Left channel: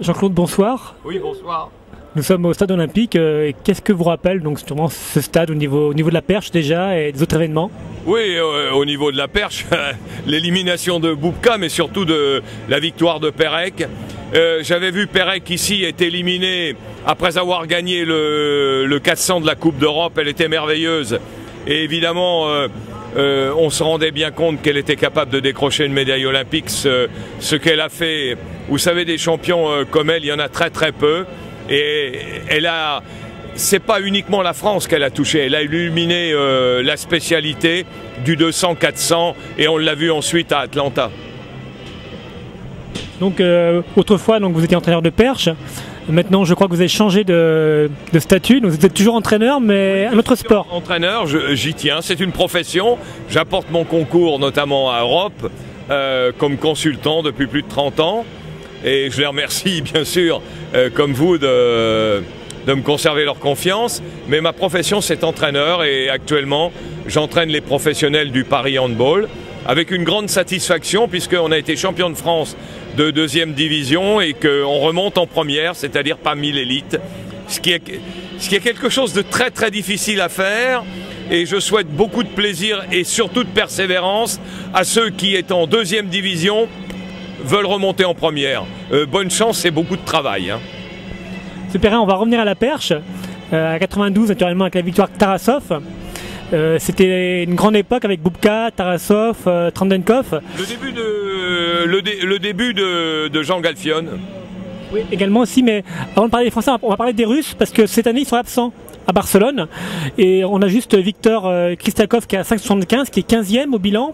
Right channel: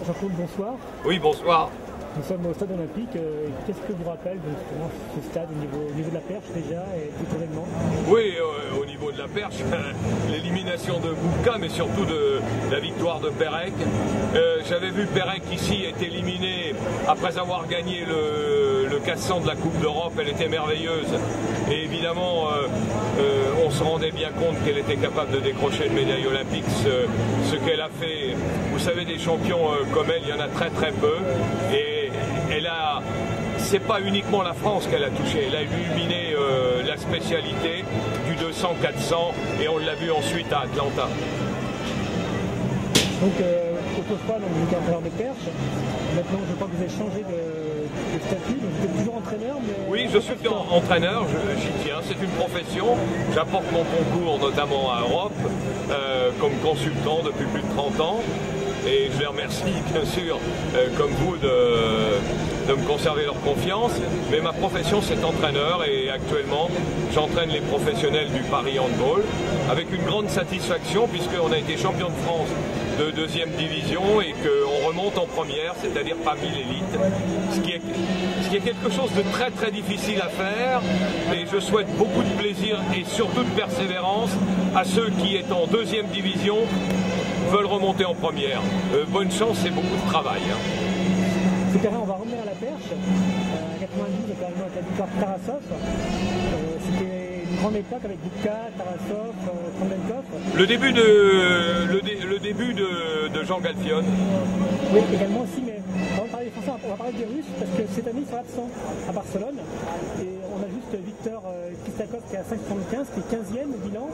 Jean-Claude, bonsoir. Oui, bonsoir. Nous sommes au stade olympique. Qu'est-ce que vous rappelle donc justement ce stade au niveau de la perche déjà et des autres événements? Oui, au niveau de la perche, l'élimination de Bubka, mais surtout de la victoire de Pérec. J'avais vu Pérec ici être éliminé après avoir gagné le 400 de la Coupe d'Europe. Elle était merveilleuse. Et évidemment, on se rendait bien compte qu'elle était capable de décrocher une médaille olympique. Ce qu'elle a fait, vous savez, des champions comme elle, il y en a très très peu. Et c'est pas uniquement la France qu'elle a touché, elle a illuminé la spécialité du 200-400 et on l'a vu ensuite à Atlanta. Donc autrefois donc, vous étiez entraîneur de perche, maintenant je crois que vous avez changé de statut, donc vous êtes toujours entraîneur mais oui, un autre sport. Entraîneur, j'y tiens, c'est une profession, j'apporte mon concours notamment à Europe comme consultant depuis plus de 30 ans. Et je les remercie bien sûr, comme vous, de me conserver leur confiance. Mais ma profession, c'est entraîneur et actuellement, j'entraîne les professionnels du Paris Handball avec une grande satisfaction puisqu'on a été champion de France de 2e division et qu'on remonte en première, c'est-à-dire parmi l'élite. Ce qui est quelque chose de très très difficile à faire et je souhaite beaucoup de plaisir et surtout de persévérance à ceux qui, étant en 2e division, veulent remonter en première. Bonne chance et beaucoup de travail. Super, on va revenir à la perche. À 92, naturellement, avec la victoire de Tarasov. C'était une grande époque avec Bubka, Tarasov, Trandenkov. Le début de Jean Galfion. Oui, également aussi, mais avant de parler des Français, on va parler des Russes, parce que cette année, ils sont absents à Barcelone. Et on a juste Victor Kristakov qui est à 5,75, qui est 15e au bilan.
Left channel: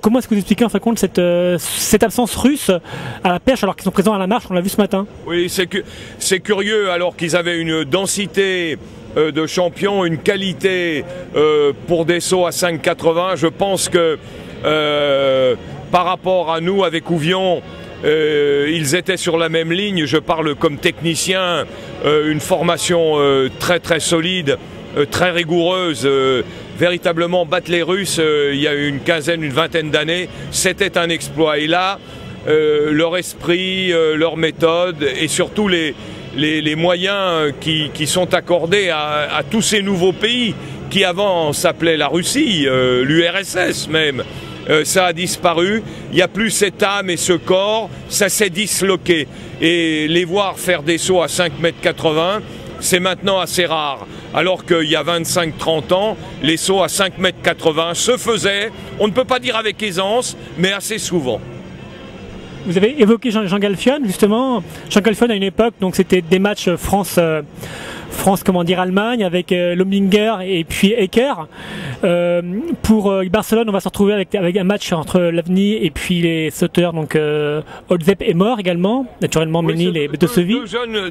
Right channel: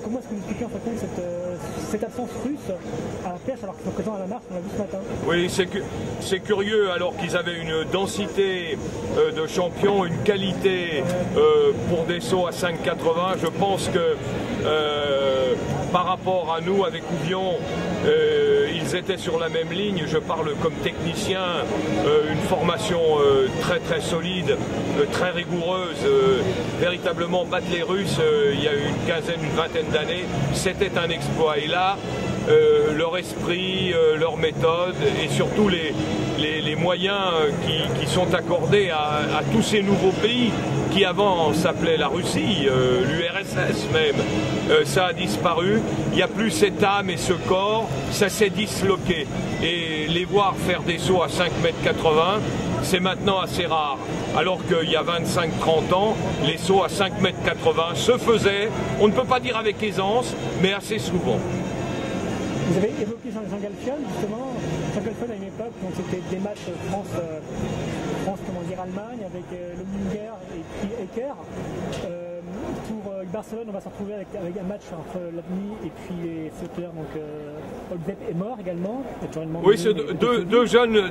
Comment est-ce que vous expliquez en fin de compte cette absence russe à la perche alors qu'ils sont présents à la marche, on l'a vu ce matin? Oui, c'est curieux alors qu'ils avaient une densité de champions, une qualité pour des sauts à 5,80. Je pense que par rapport à nous avec Ouvion, ils étaient sur la même ligne. Je parle comme technicien, une formation très très solide, très rigoureuse. Véritablement battre les Russes il y a une quinzaine, une vingtaine d'années, c'était un exploit. Et là, leur esprit, leur méthode et surtout les moyens qui sont accordés à tous ces nouveaux pays qui avant s'appelaient la Russie, l'URSS même, ça a disparu. Il n'y a plus cette âme et ce corps, ça s'est disloqué. Et les voir faire des sauts à 5,80 m, c'est maintenant assez rare. Alors qu'il y a 25-30 ans, les sauts à 5,80 m se faisaient, on ne peut pas dire avec aisance, mais assez souvent. Vous avez évoqué Jean Galfion, justement. Jean Galfion à une époque, donc c'était des matchs Allemagne avec Lomlinger et puis Ecker. Pour Barcelone, on va se retrouver avec un match entre l'Avni et puis les sauteurs, donc Olzep est mort également, naturellement oui, Ménil et Betesevi.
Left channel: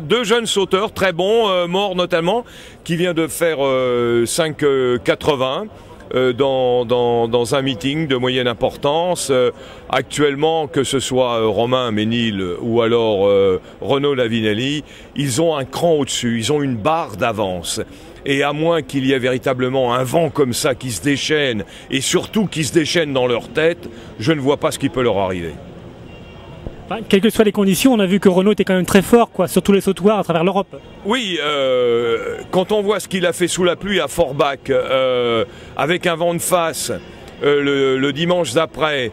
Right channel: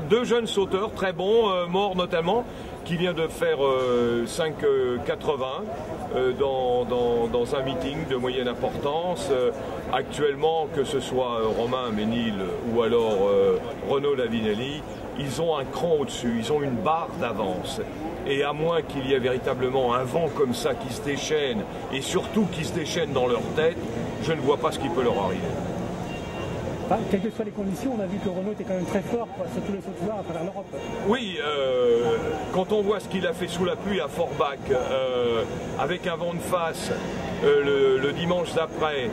Deux jeunes sauteurs très bons, morts notamment, qui vient de faire 5,80 dans un meeting de moyenne importance. Actuellement, que ce soit Romain Ménil ou alors Renaud Lavinelli, ils ont un cran au-dessus, ils ont une barre d'avance. Et à moins qu'il y ait véritablement un vent comme ça qui se déchaîne, et surtout qui se déchaîne dans leur tête, je ne vois pas ce qui peut leur arriver. Quelles que soient les conditions, on a vu que Renaud était quand même très fort, sur tous les sautoirs à travers l'Europe. Oui, quand on voit ce qu'il a fait sous la pluie à Forbach, avec un vent de face le dimanche d'après,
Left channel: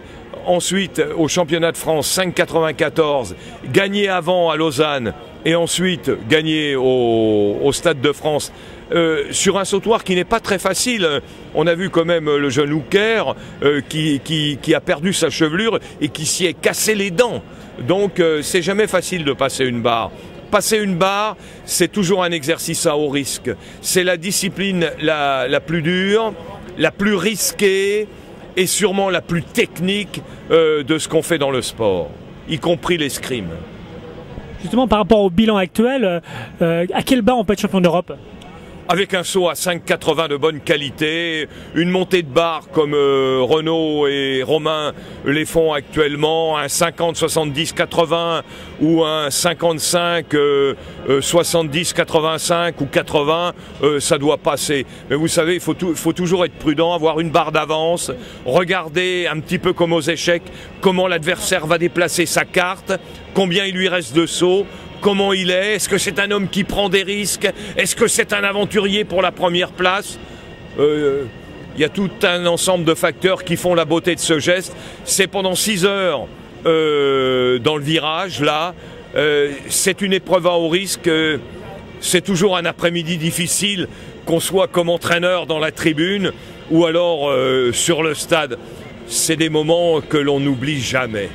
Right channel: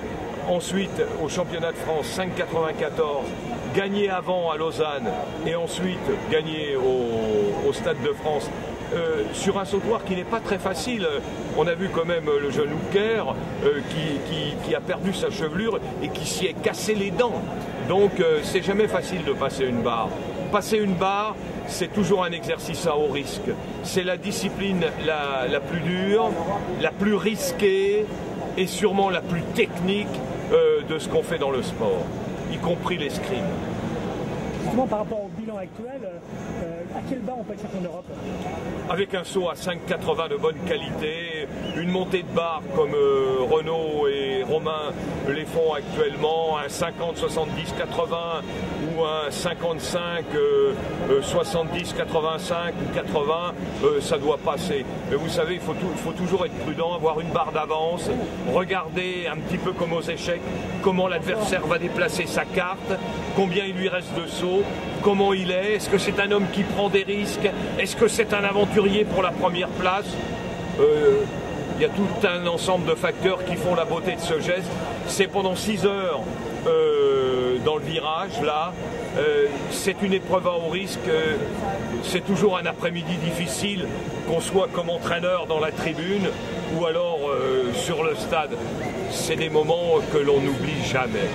ensuite au championnat de France 5,94, gagné avant à Lausanne et ensuite gagné au Stade de France, sur un sautoir qui n'est pas très facile. On a vu quand même le jeune Hooker qui a perdu sa chevelure et qui s'y est cassé les dents. Donc c'est jamais facile de passer une barre. Passer une barre, c'est toujours un exercice à haut risque. C'est la discipline la plus dure, la plus risquée et sûrement la plus technique de ce qu'on fait dans le sport, y compris l'escrime. Justement, par rapport au bilan actuel, à quelle barre on peut être champion d'Europe? avec un saut à 5,80 de bonne qualité, une montée de barre comme Renaud et Romain les font actuellement, un 50, 70, 80 ou un 55, 70, 85 ou 80, ça doit passer. Mais vous savez, il faut toujours être prudent, avoir une barre d'avance, regarder un petit peu comme aux échecs, comment l'adversaire va déplacer sa carte, combien il lui reste de sauts, comment il est que c'est un homme qui prend des risques? Est-ce que c'est un aventurier pour la première place? Il y a tout un ensemble de facteurs qui font la beauté de ce geste. C'est pendant 6 heures dans le virage, là. C'est une épreuve à haut risque. C'est toujours un après-midi difficile, qu'on soit comme entraîneur dans la tribune ou alors sur le stade. C'est des moments que l'on n'oublie jamais.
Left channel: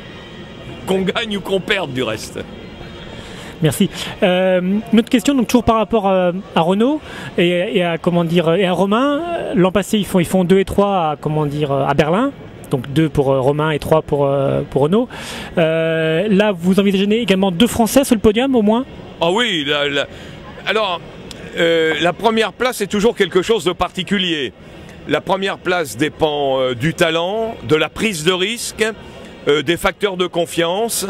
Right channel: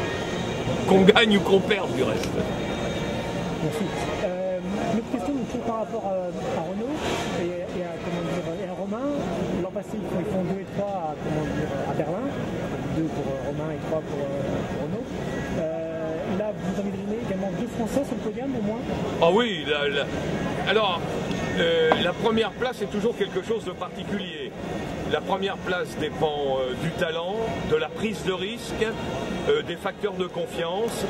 Qu'on gagne ou qu'on perde du reste. Merci. Une autre question, donc toujours par rapport à Renaud et à Romain. L'an passé, ils font 2 et 3 à Berlin. Donc 2 pour Romain et 3 pour Renaud. Là, vous envisagez également 2 Français sur le podium au moins? Ah oui, alors la première place est toujours quelque chose de particulier. La première place dépend du talent, de la prise de risque, des facteurs de confiance,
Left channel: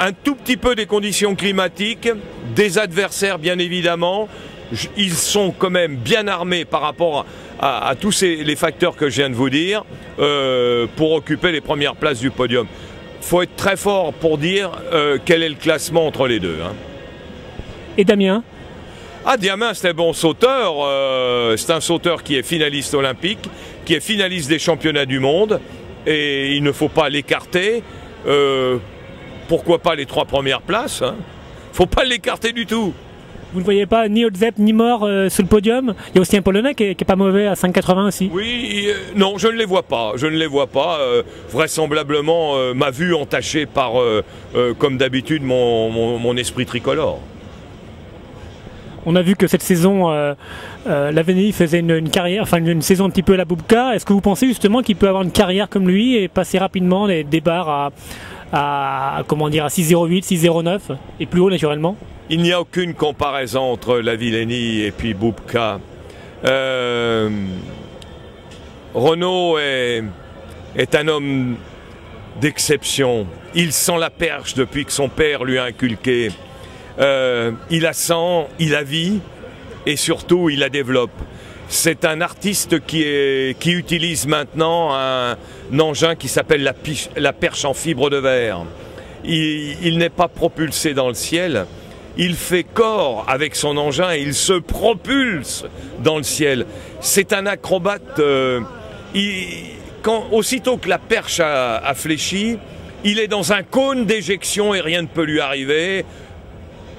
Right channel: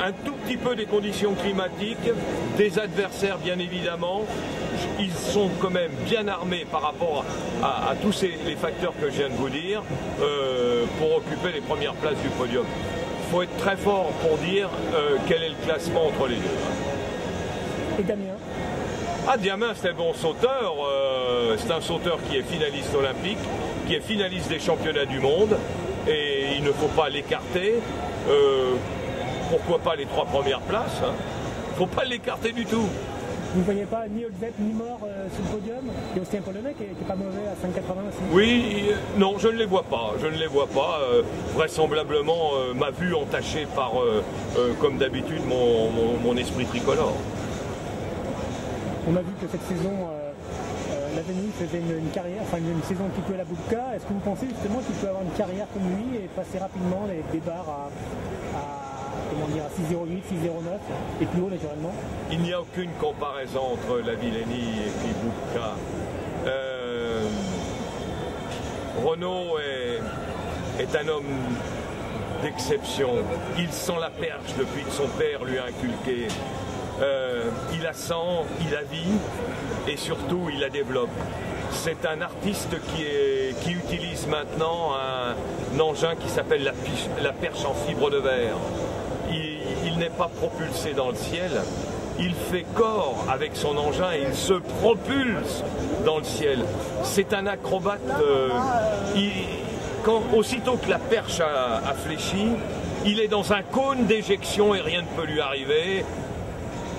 un tout petit peu des conditions climatiques, des adversaires bien évidemment. Ils sont quand même bien armés par rapport à tous les facteurs que je viens de vous dire pour occuper les premières places du podium. Il faut être très fort pour dire quel est le classement entre les deux. Hein. Et Damien? Ah, Damien, c'est un bon sauteur. C'est un sauteur qui est finaliste olympique, qui est finaliste des championnats du monde. Et il ne faut pas l'écarter. Pourquoi pas les 3 premières places, hein. Faut pas l'écarter du tout. Vous ne voyez pas ni Odzep ni Mort sur le podium? Il y a aussi un Polonais qui est pas mauvais à 5,80 aussi. Oui, non, je ne les vois pas. Je ne les vois pas. Vraisemblablement, ma vue entachée par, comme d'habitude, mon esprit tricolore. On a vu que cette saison, Laveni faisait une carrière, enfin une saison un petit peu à la Bubka. Est-ce que vous pensez justement qu'il peut avoir une carrière comme lui et passer rapidement des barres à 6,08, 6,09 et plus haut naturellement? Il n'y a aucune comparaison entre Lavillenie et puis Bubka. Renaud est un homme d'exception. Il sent la perche depuis que son père lui a inculqué. Il la sent, il la vit et surtout il la développe. C'est un artiste qui utilise maintenant un engin qui s'appelle la perche en fibre de verre. Il n'est pas propulsé dans le ciel, il fait corps avec son engin et il se propulse dans le ciel. C'est un acrobate. Aussitôt que la perche a fléchi, il est dans un cône d'éjection et rien ne peut lui arriver.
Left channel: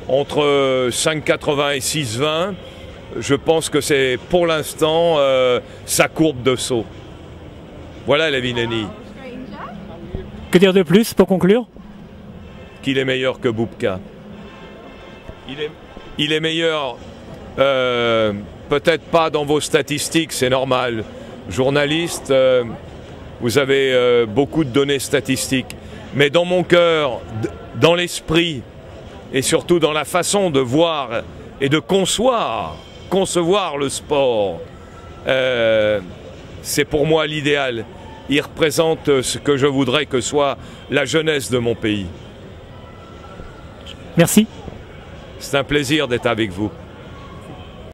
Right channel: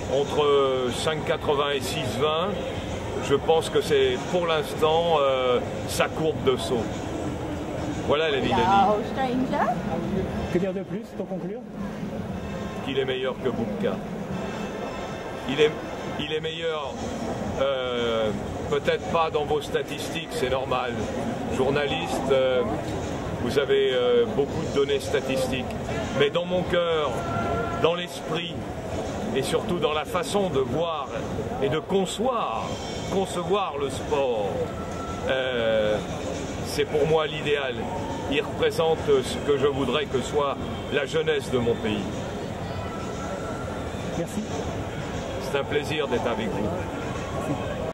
Entre 5,80 et 6,20, je pense que c'est pour l'instant sa courbe de saut. Voilà Lavillenie. Que dire de plus pour conclure? Qu'il est meilleur que Bubka. Il est meilleur, peut-être pas dans vos statistiques, c'est normal. Journaliste, vous avez beaucoup de données statistiques. Mais dans mon cœur, dans l'esprit, et surtout dans la façon de voir et de concevoir le sport, c'est pour moi l'idéal. Il représente ce que je voudrais que soit la jeunesse de mon pays. Merci. C'est un plaisir d'être avec vous.